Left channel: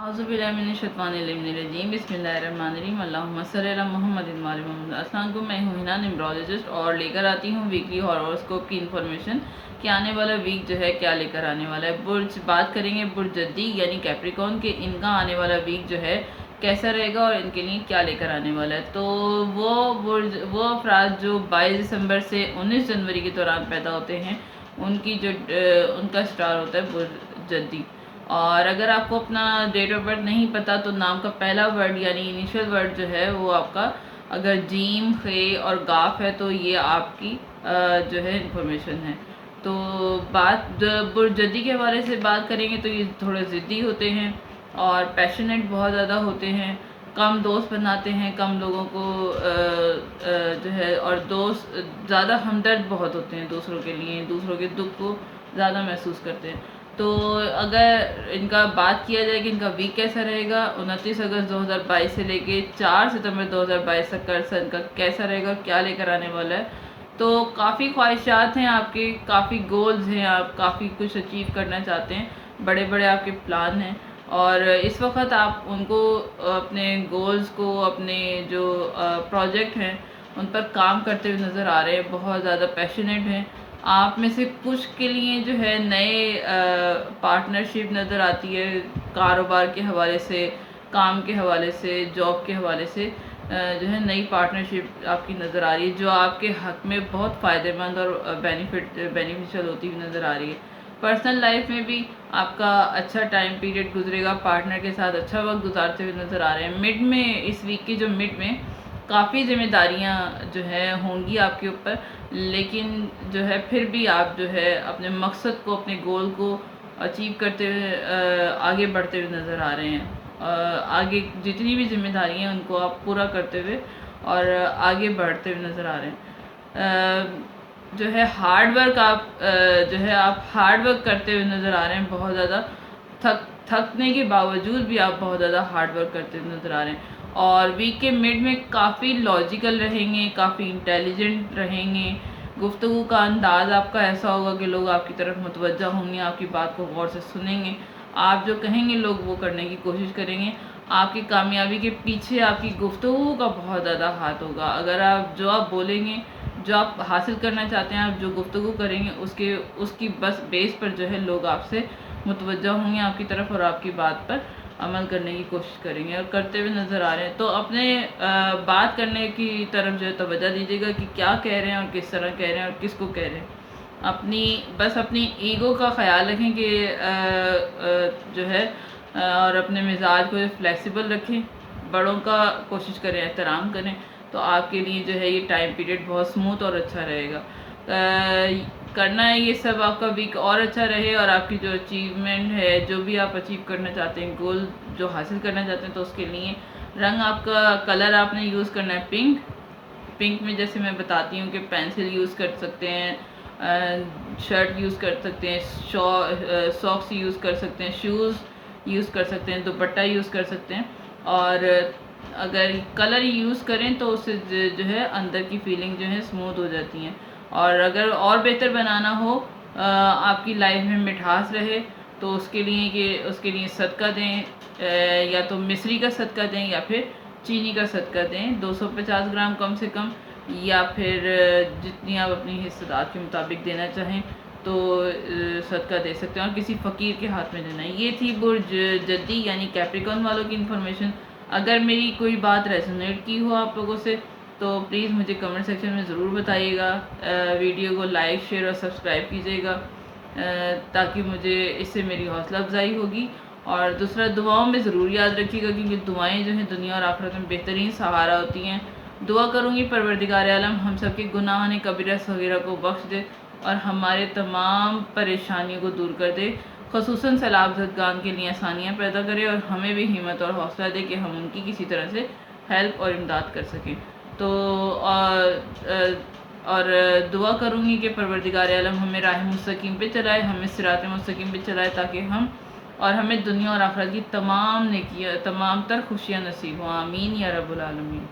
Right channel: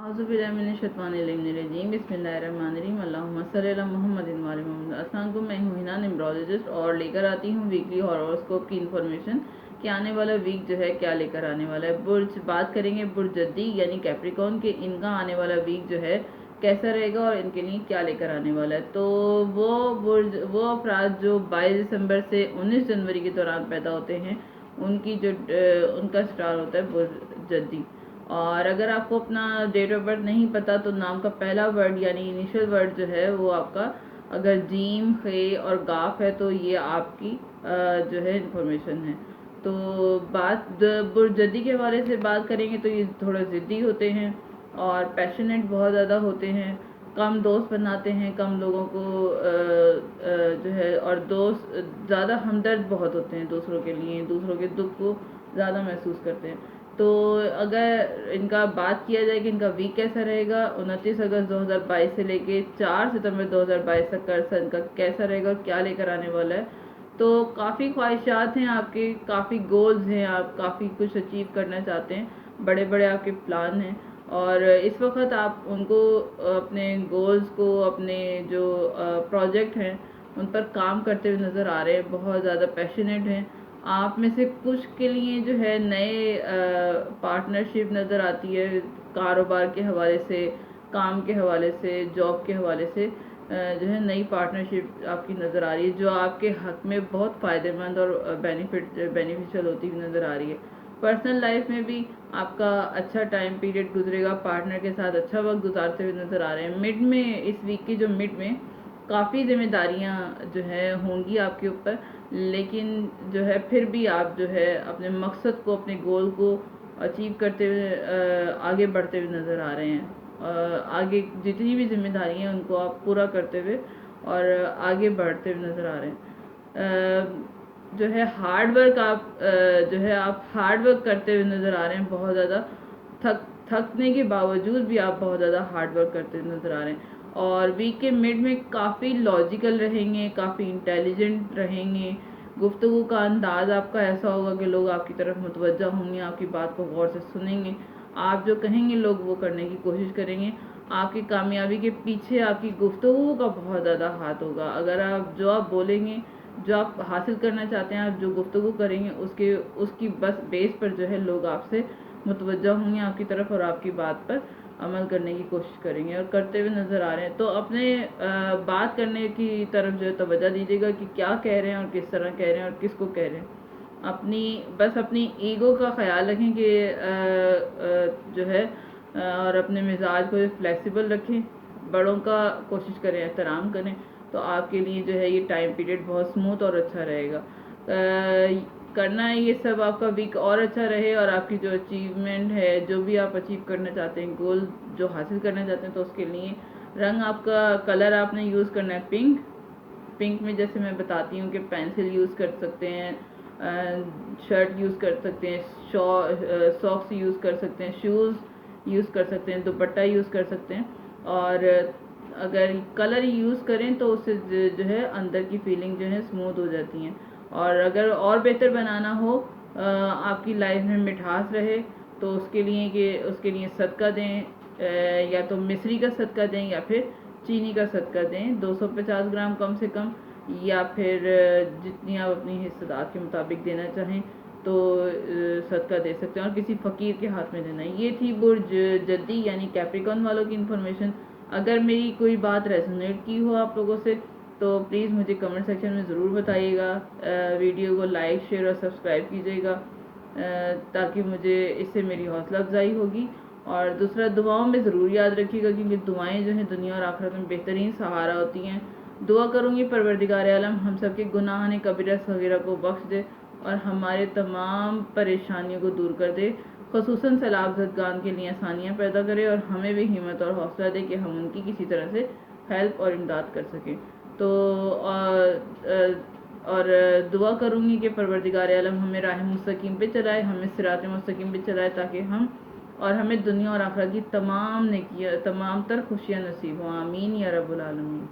अऊज़ु बिल्लाहि मिनश शैतानिर रजीम बिस्मिल्लाहिर्रहमानिर्रहीम अल्लाहुम्मा सल्लि अला मुहम्मदिन व आलि मुहम्मद। अस्सलाम वालेकुम, मैं हूँ हिना न्यूमरोलॉजिस्ट और लेकर आती हूँ वीकली हॉरोस्कोप की इन्फॉर्मेशन कि आने वाला वीक जो है क्या लेकर आने वाला है। बुर्ज बात करेंगे बुर्ज जद्दी यानी कैप्रिकॉर्न के, इनका आने वाला वीक जो है कैसा रहेगा और इनके लिए क्या लेकर आने वाला है। तो वो अफराद जो 22 दिसंबर से 19 जनवरी के दौरान पैदा होते हैं उनकी जो उनका स्टार होता है बुर्ज जद्दी। और अगर आपको अपना डेट ऑफ बर्थ नहीं पता तो नाम का पहला वर्ड यानी इनिशियल वर्ड जो है वो आपका अगर जीम खे और गाफ है तो ये आपकी जो है इंफॉर्मेशन है। तो बात बुर्जदी के हवाले से बात करेंगे तो ये थोड़े ज़िद्दी होते हैं और पैशनेट बहुत ज़्यादा होते हैं, कम दोस्त बनाते हैं, कम लोगों को जो है, और दोस्त ज़्यादा हमदर्द बहुत होते हैं दूसरों के लिए, दूसरों के दुख को ज़्यादा महसूस करते हैं। तो अगर इनका बात किया जाए कि इनका वीक कैसा रहेगा, 29 अगस्त 2022 से लेके 4 सितंबर 2022 तक का इनका कैसा रहेगा, क्या लेकर आने वाला है। तो काफ़ी ख्वाहिशात हैं आपके, काफ़ी गोल्स हैं, आप काफ़ी कुछ अचीव करना चाहते हैं, बड़े बड़े आपके प्लान हैं और इस वक्त आप उनको अपने गोल्स को, अपने जो प्रोजेक्ट हैं उन पर काम करते हुए नज़र आ रहे हैं, बहुत ज़्यादा पैशनेट हैं। आप में से कुछ के लिए जो है नए पार्टनरशिप नज़र आती है, कारोबार के हवाले से, काम के हवाले से, जॉब के हवाले से जो है नई पार्टनरशिप आपकी नज़र आ रही है जो आपके हक़ में बहुत फ़ायदेमंद और बेनिफिशियल होती हुई नज़र आ रही है। पर्सनल लाइफ में भी आपका अच्छा टाइम पीरियड गुजरेगा, पार्टनर के साथ अच्छा वक्त गुजारते हुए नज़र आ रहे हैं। मिड में, इस वीक की जो मिड में काफ़ी जिम्मेदारियां जो है होंगी आपके ऊपर, लेकिन जो है फिर भी आप जो है अपने मकसद को, अपने गोल को अचीव करते हुए आगे बढ़ते हुए नज़र आ रहे हैं। आगे जितनी भी जिम्मेदारियां हैं उनको आप पूरा करते हुए और आगे बढ़ते हुए नज़र आ रहे हैं। जो है हार्ड वर्क आप जो है आप हार्ड वर्क करते हुए नज़र आ रहे हैं, बहुत ज़्यादा थकने के बावजूद भी आप बहुत ज़्यादा हार्ड वर्क करते हुए नज़र आ रहे हैं। और वीक के मिड में काफ़ी लॉजिकल रहेंगे, काफ़ी इंटेलिजेंट रहेंगे, गुफ्तगू का अंदाज़ आपका ऐसा होगा कि लोग आपकी तरफ मुतवज्जा होंगे, आपकी बात को गौर से सुनेंगे, आप जो कहेंगे लोग वो करने की कोशिश करेंगे। आपकी कामयाबी के पीछे आपकी गुफ्तगू का बहुत ज़्यादा हाथ होगा। अगर आप जो आप बोलेंगे, जो आप हासिल करना चाहते हैं, आप जो गुफ्तगू करेंगे उसकी बस बेस पर जो है लोग आपसे मुतवज्जा होंगे आपकी तरफ और आपकी बात पर अमल करने की कोशिश करेंगे और करते हुए नज़र आ रहे हैं। तो अपने बात करने की तरफ जो है तवज्जो दीजिएगा कि क्या कह रहे हैं और किस तरह कह रहे हैं और किसको कह रहे हैं। बस अपनी ईगो का ख्याल रखें कि जो है और अपने मिजाज को फ्लेक्सिबल रखें, बड़ों का कोशिश करें एहतराम करें, तो आपके लिए जो है ये टाइम पीरियड बहुत स्मूथ और अच्छा रहेगा। करना है ये सब आपका वीक और अच्छा रहे और आपकी जो अचीवमेंट है, जो भी आप अचीव करना चाहते हैं, गोल जो हासिल करना चाहते हैं, तो उसके लिए रंग आपका कलर आपने यूज़ करना है पिंक में जैसे मैं बताती हूँ कि पेंसिल यूज़ कर सकते हैं, शर्ट यूज़ कर सकते हैं, सॉक्स यूज़ कर सकते हैं, शूज़ यूज़ कर सकते हैं, दुपट्टा यूज़ कर सकते हैं। और अगर कलर यूज़ करें तो उससे जो है अंदर की फीलिंग जो है स्मूथ हो जाती हैं। और अगर और बेहतर बनाना हो, आपकी लाइफ में मिठास रहे, तो उसके लिए सदका दें, या तो मिश्री का सदका दें या फिर चीनी का सदका दें 250 ग्राम कम से कम, या फिर जितनी आप अपनी हिस्सेदार के मुताबिक देना चाहें तो सदका दे सकते हैं और किसी फ़कीर के हाथ में देना है। ये थी बुर्ज जद्दी यानी कैप्रिकॉर्न वालों की इन्फॉर्मेशन। अगर मेरी कोई बात रेजोनेट की हो आप लोगों से तो प्लीज़ मुझे कमेंट सेक्शन में ज़रूर बताइएगा। वीडियो को लाइक, शेयर और सब्सक्राइब कीजिएगा ताकि मुझे इससे मेरी हौसला अफजाई होगी। और दूसरा, दुआओं में ज़रूर याद रखिएगा क्योंकि दुआएं जो हैं दुनिया और आखिरत में बेहतरीन सहारा होती हैं। दुआ करूँगी परवरदिगार आलम हम सब के गुनाह कबीरा सगीरा को बख्श दे और हमारे तमाम परेशानियों को दूर कर दे, ख़ुसूसन सैलाबज़दगान के लिए आसानियाँ पैदा करे और हमें भी हिम्मत और हौसला दे कि हम उनकी किसी तरह से हेल्प और इमदाद कर सकें। तो और दुआ करूँगी कि परवरदिगार आलम हमें राह मुस्तकीम पे चलाए, हमें सिरात मुस्तकीम पे चलाए ताकि हमें दुनिया और आखिरत की तमाम नेकियां, तमाम तर खुशियाँ नसीब हों। आमीन या रब्बुल आलमीन।